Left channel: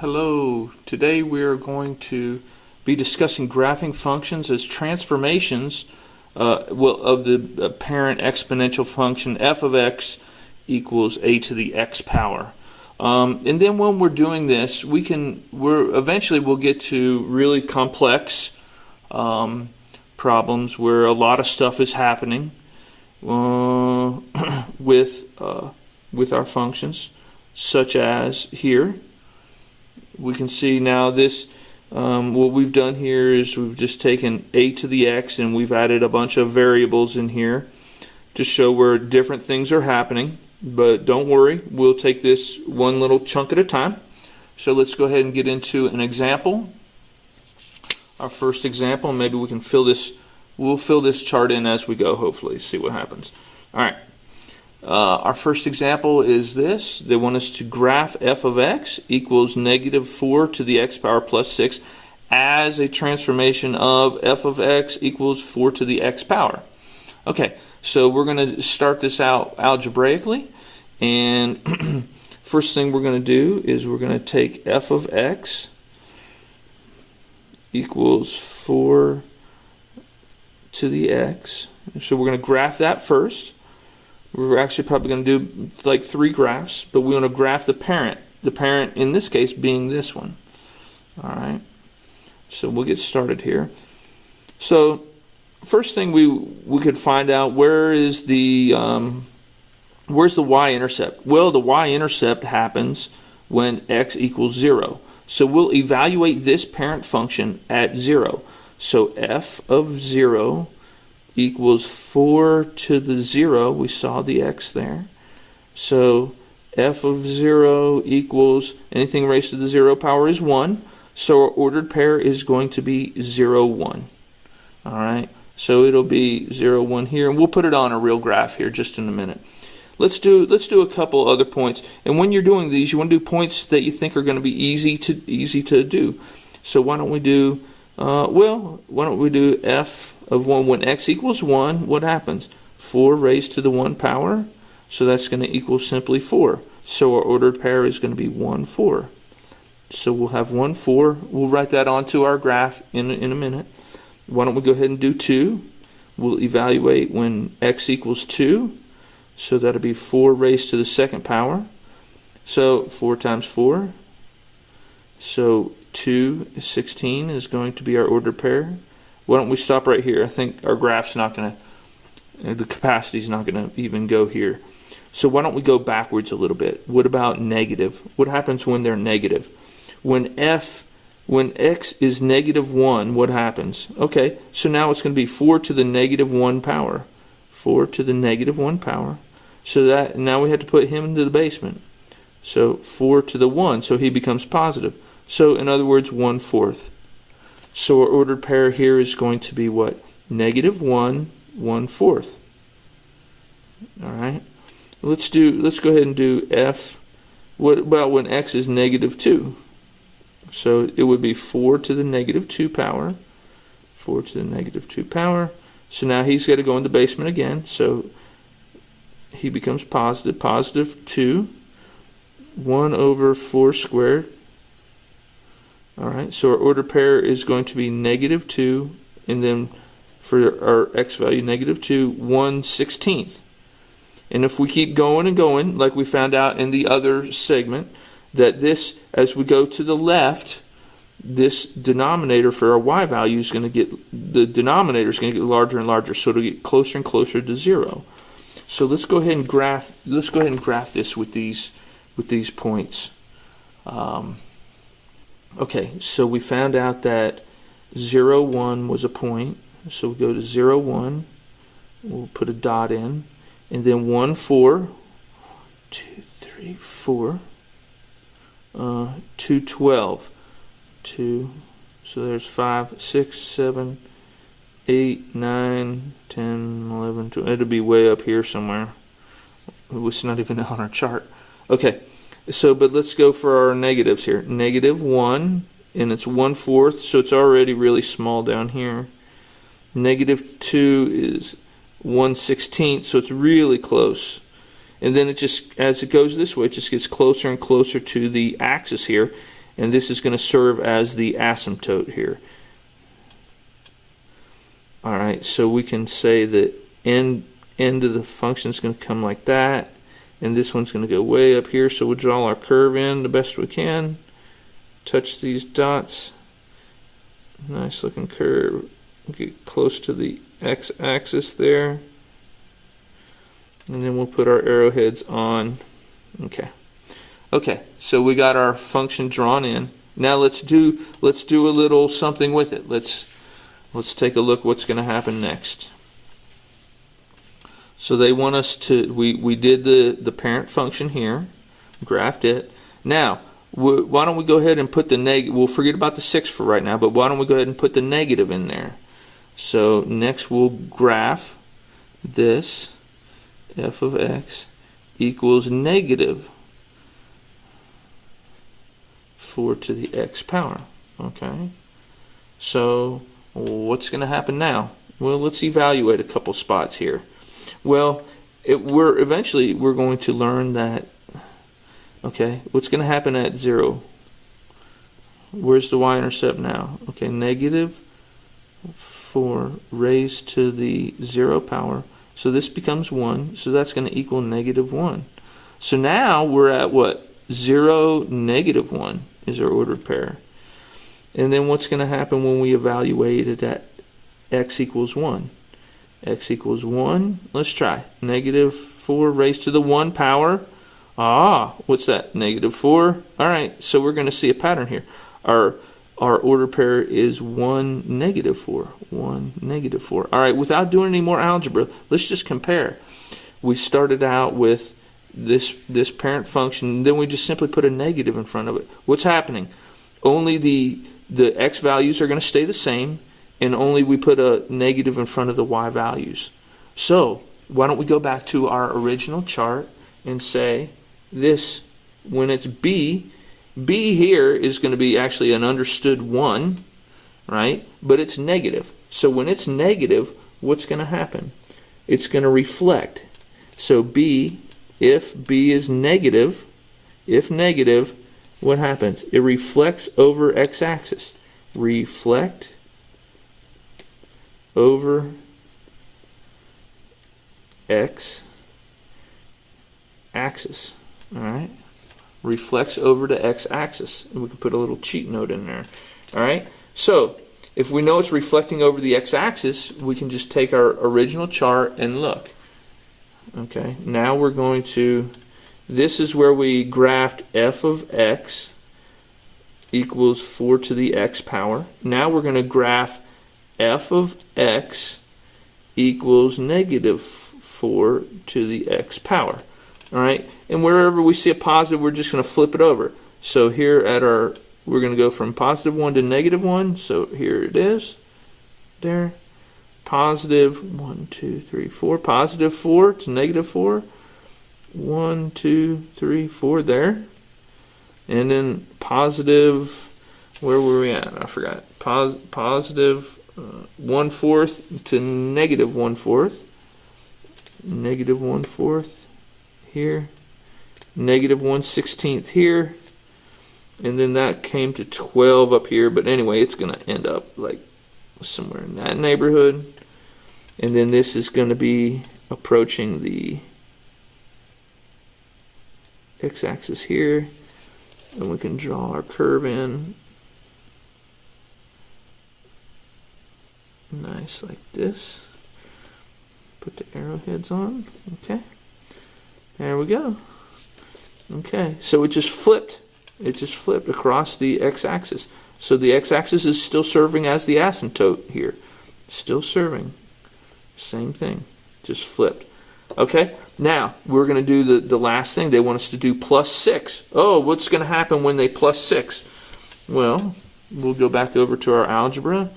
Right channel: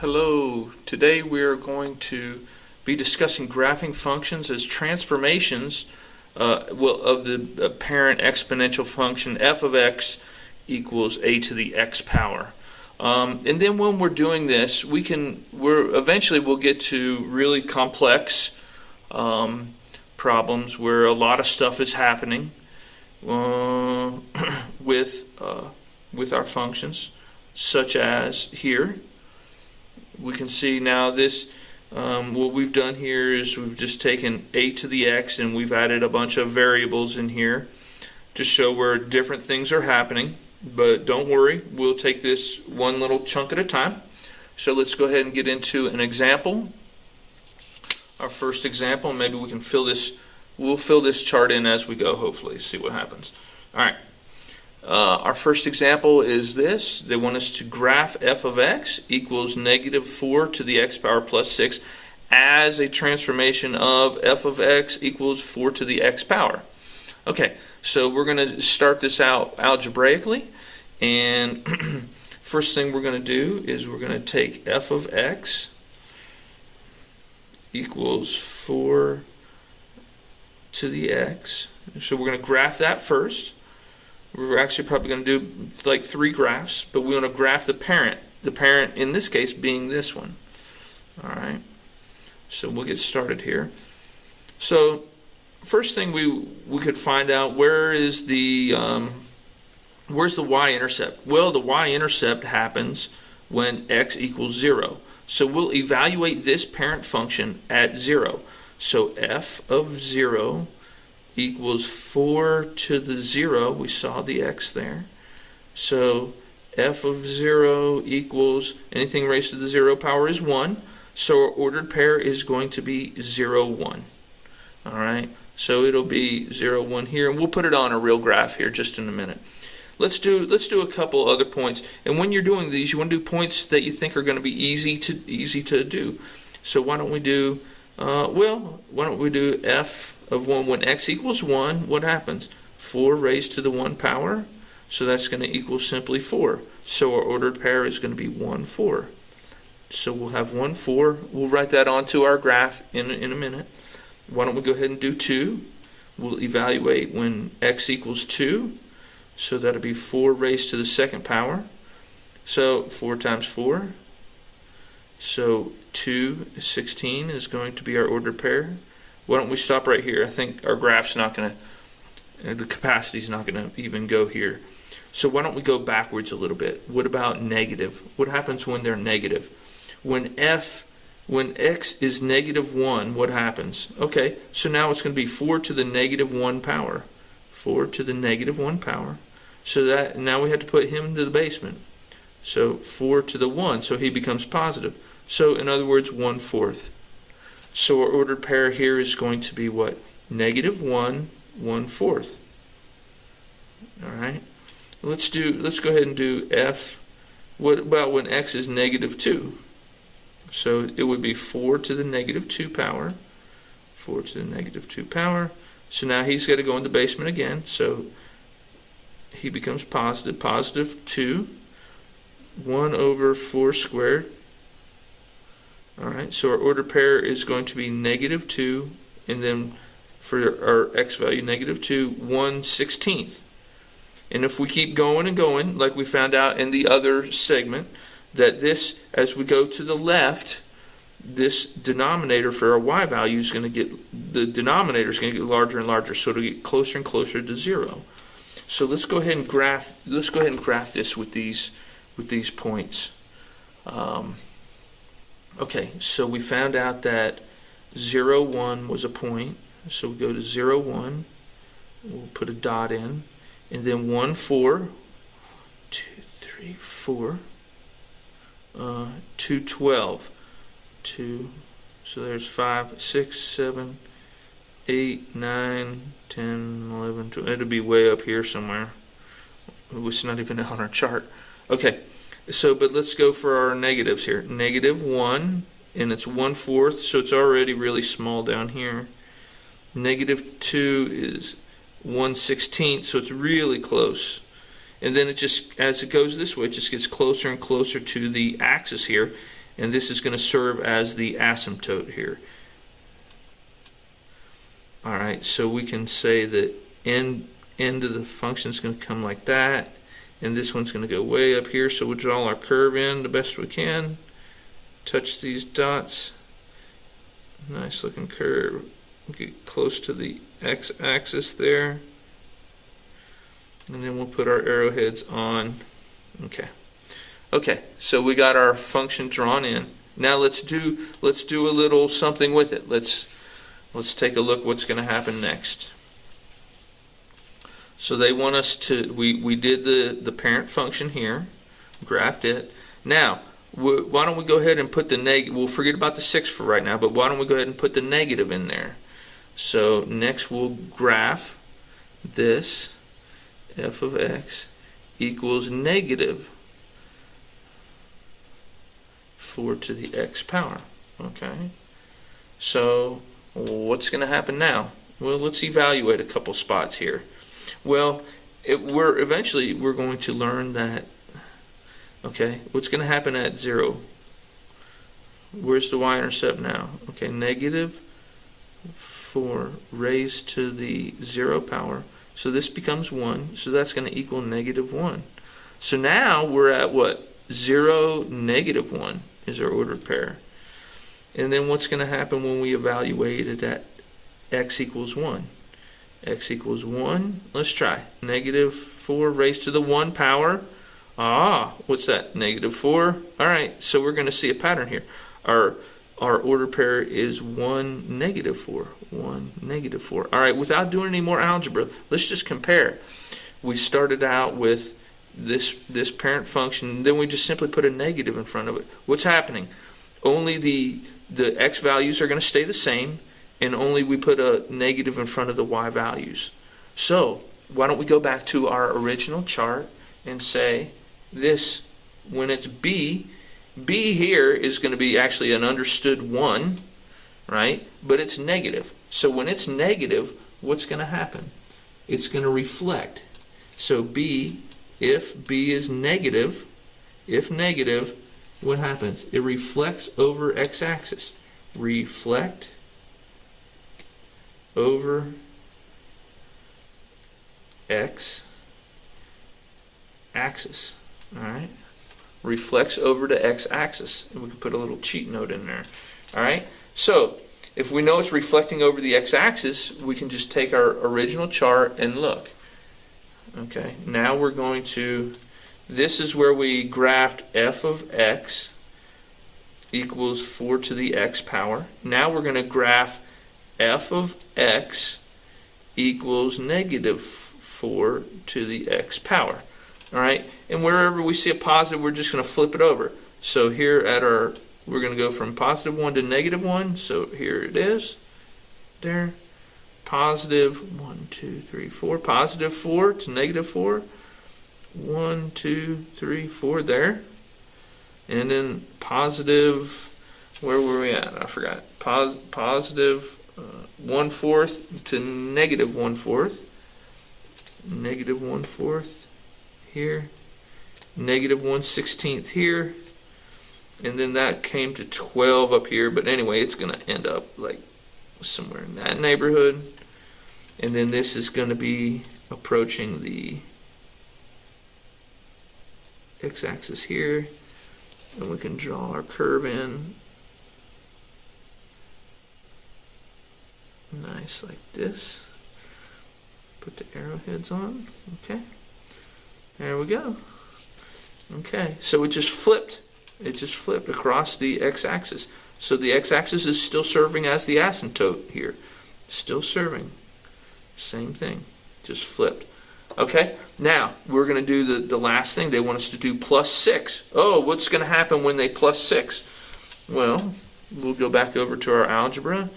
Hello, today we are going to be discussing graphing functions as transformations of the parent exponential function f of x equals a to the x power. And then when we're doing this, eventually we'll get to really complex problems where a lot of stuff is happening with our functions, such as here. We can see now this, what we've done here is we've just taken a to the x and we've added a bunch of variables in here to show where different things are happening. But don't worry, we'll take this one little chunk at a time. So let's go ahead and get into an example. Our first example, maybe we can we'll fill this chart in as we go, hopefully, see what happens. Alright. Our first example is this. They want us to graph f of x equals negative 4 to the x power plus 6 as a transformation of f of x equals 4 to the x power. Okay, so we're going to start this out algebraically, and first thing we're going to do is we're going to take f of x equals 4 to the x. So we're going to graph that first. We're actually probably going to do like 3 graphs, but we want to graph the parent. The parent in this case being this one. Alright, so we'll get started here. So first thing we could find out, where's the y-intercept? Well, the y-intercept happens when x equals 0. So we'll evaluate this parent function at 0. So f of 0 equals 4 to the 0. We saw the x there. So f of 0 equals, anything raised to the 0 power is 1. So our ordered pair is going to be 0, 1. Alright, so it'll be 0, 1 here, and we'll put it on a real graph here just in a minute. Let's do a couple other points. And when you're doing these, you want to do points that you think are going to be easy to do. So why don't we do why don't we do f of 1 when x equals 1, what happens? 4 raised to the 1 power, so that's going to equal simply 4. So our ordered pair is going to be 1, 4. So we'll have 1, 4. We'll write that onto our graph in a minute. Why don't we go ahead and do 2? We'll evaluate when x equals 2, so that'll be 4 raised to the 2nd power. So 4 times 4. So 2 is 16 is going to be our ordered pair. Why don't we stop right here? I think our graph's not going to, the capacity is not going to even go here. So why don't we go backwards a little bit? What about negative? What happens when they're negative? When x is negative 1, what happens? Okay, so now it's going to be 4 to the negative 1 power. 4 to the negative 1 power. So that now we have to put him into the basement. So 4 to the 1, so he becomes positive. So in other words, 1/4. So our ordered pair here is going to be what? Negative 1, 1/4. Alright. Let's go ahead and do f. What about when x is negative 2? So it would be 4 to the negative 2 power. 4 to the negative 2 power. So now he's got to go in the basement again. So he becomes positive. Positive 2. 1 over 4 squared. Alright, so our ordered pair is going to be negative 2, and then for our x value, negative 2, 1/16. And if we keep going and going, like we found out in the other segment, that this, as we go to the left, this denominator for our y value is going to get, the denominator is going to get larger and larger, so it'll get closer and closer to 0. So let's go ahead and graph this with these points. Okay, so we found out that 0, 1 was a point. So we go to 0, 1. We'll put a dot in. And then 1, 4. 2, 3, 4. 2, 12. 2. So there's 5, 6, 7, 8, 9, 10, 11, 12. It'll be way up here somewhere. It's not even on our chart. Okay. So, but let's go for our negatives here. Negative 1, and it's 1/4, so it's already really small down here. Negative 2 is 1/16, so it's really close. And then it just, as it goes this way, it just gets closer and closer to the axis here. and this is going to serve as the asymptote here. Alright, so we can say that end of the function is going to come like that, and this one's going to go way up here, so we'll draw our curve in the best we can. Touch these dots. Nice looking curve. Get close to the x-axis there. And then we'll put our arrowheads on. Okay, so we got our function drawn in. Now let's do a little something with it. Let's take a look what's going to happen next. So they want us to, we did the parent function here, graphed it. Now, why don't we go ahead and put the negative, we'll forget about the 6 for right now, but why don't we go ahead and put the negative in there. So next we'll graph this, f of x equals negative 4 to the x power. Okay, so what's going to happen now? Well, let's evaluate a couple spots here. Well, eventually we're going to learn that, okay, what's going to happen at 0? Where's the y-intercept now? Okay, negative 4 raised to the 0 power. So this becomes 1, so that's going to equal negative 1. So now we're at what? 0, negative 1 is our ordered pair. And then what's going to happen when we evaluate it at x equals 1? X equals 1, let's try. Negative 4 raised to the 1 power. What's that? Negative 4. Alright, so we're going to see a pattern here. Our ordered pair is 1, negative 4. 1, negative 4. Alright, without doing any more algebra, let's just compare. We started out with this parent function, then we just simply put a negative in front of it. What's happening? Only the x values are going to stay the same, and only we put a negative in front of the y values. So why don't we go back to our original chart and say this, when it's b here is going to be actually an understood 1, right? But it's negative. So when it's negative, what's going to happen? It's going to reflect. So if b is negative, if negative, what happens? It reflects over x-axis. Reflect over x-axis. Alright? Reflects over the x-axis. And we can put a little cheat note in there. Alright? So, if we know it's reflecting over the x-axis, we can just take our original chart and look. Okay? Now we're going to, this is where we graphed f of x equals 4 to the x power. Now we're going to graph f of x equals negative 4 to the x power. Alright, and wherever we see a positive, we're just going to flip it over. So here at we're going to go from positive 1 to negative 1. So here it is. There. Positive 1, 2, 3, 4. Positive 4 to negative 4. 1, 2, 3, 4 there. And then positive, where were we at? I forgot. Positive 1/4 to negative 1/4. Negative 1/4 here. Negative 1/16 here. And then that came to 12 up here. But anyway, it's going to end up like somewhere in that neighborhood. And then this is going to be approaching the x-axis here. And we can draw our curve in. Nice, like this. Put the arrowheads on. Okay. There we go. Okay, so it just flipped. It just flipped across the x-axis. So the x-axis is still serving as the asymptote here. Still serving. Same thing. Just flipped. Okay, now we're going to do the last thing. They want us to do plus 6. Oh, what's going to happen when they plus 6? Well, we'll go back over to our algebra.